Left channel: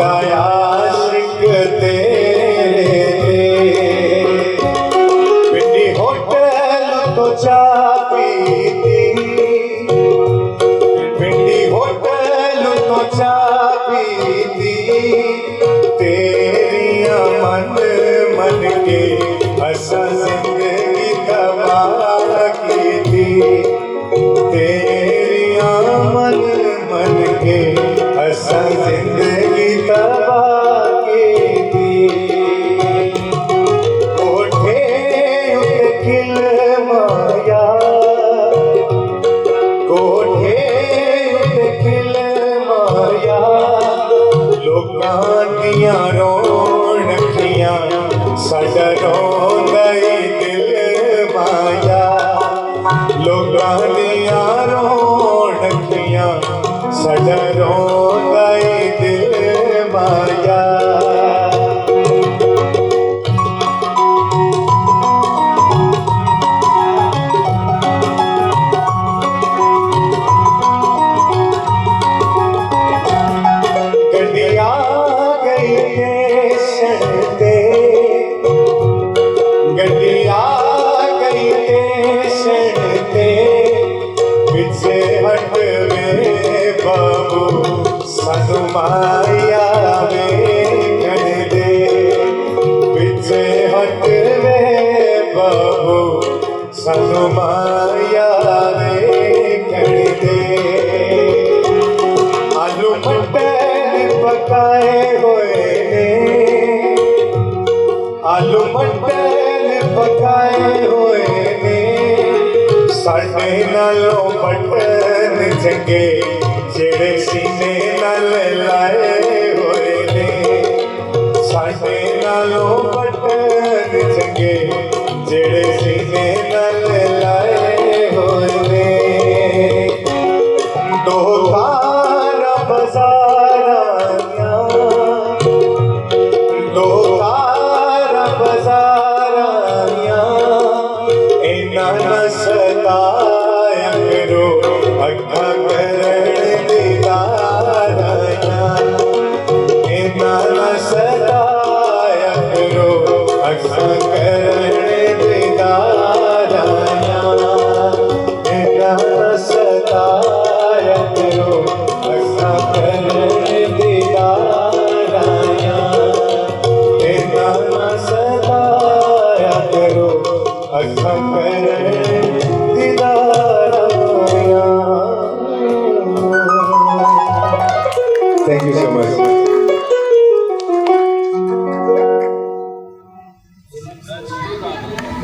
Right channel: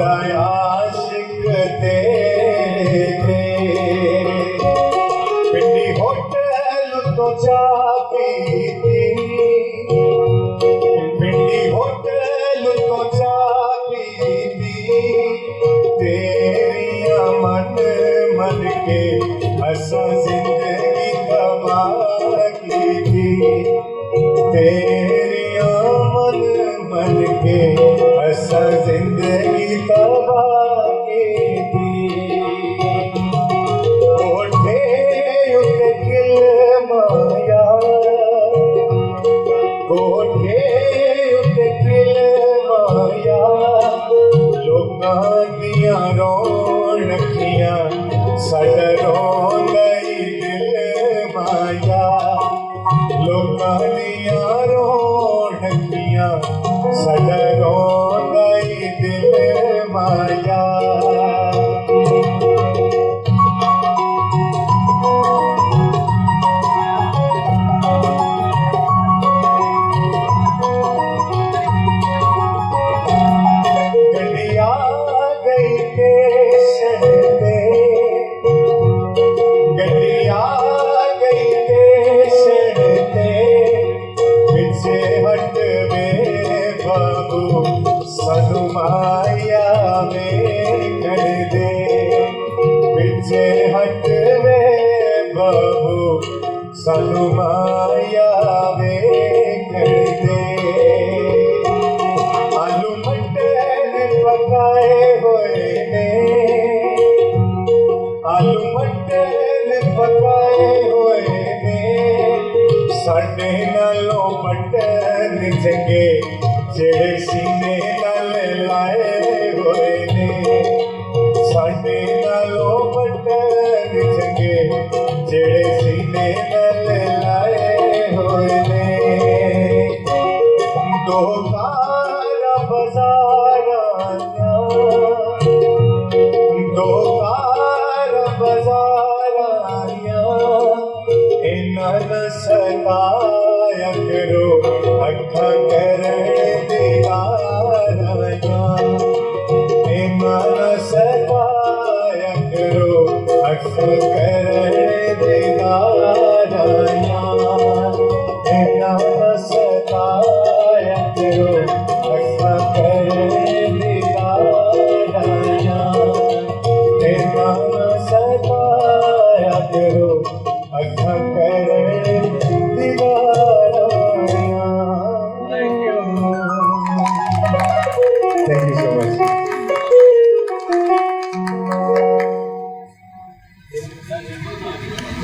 आशिक तेरे पिंडी होटल तो चाह पीती, पिंडी होटल तो चाह पीती, तेरिया मन मन के असा जिंदगी कमाल की थी, तेरिया मन मन के असा जिंदगी तबाह की थी। कोठे उते खिल माया, कोठे उते खिल माया, लोकां दियां रौनकियां साडा रोंदा ही दिल माया, लोकां दियां रौनकियां साडा रोंदा ही दिल माया। गड्डिया गई स्टेशन ते, गड्डिया गई स्टेशन ते, पिछे हट वे बाबू सानू माया वे कर दे, पिछे हट वे बाबू सानू माया वे कर दे। आलू मटर पकाए हुए ने, आलू मटर पकाए हुए ने, साडे नालों बटन चंगे जेड़े सीने नाल लाए हुए ने, साडे नालों बटन चंगे जेड़े सीने नाल लाए हुए ने। दो तारा बजारां, दो तारा बजारां, इन्हां न सताया करो अखां करन दीदारां, इन्हां न सताया करो अखां करन दीदारां, इन्हां न सताया करो अखां करन दीदारां, इन्हां न सताया करो अखां करन दीदारां। Thank you so much.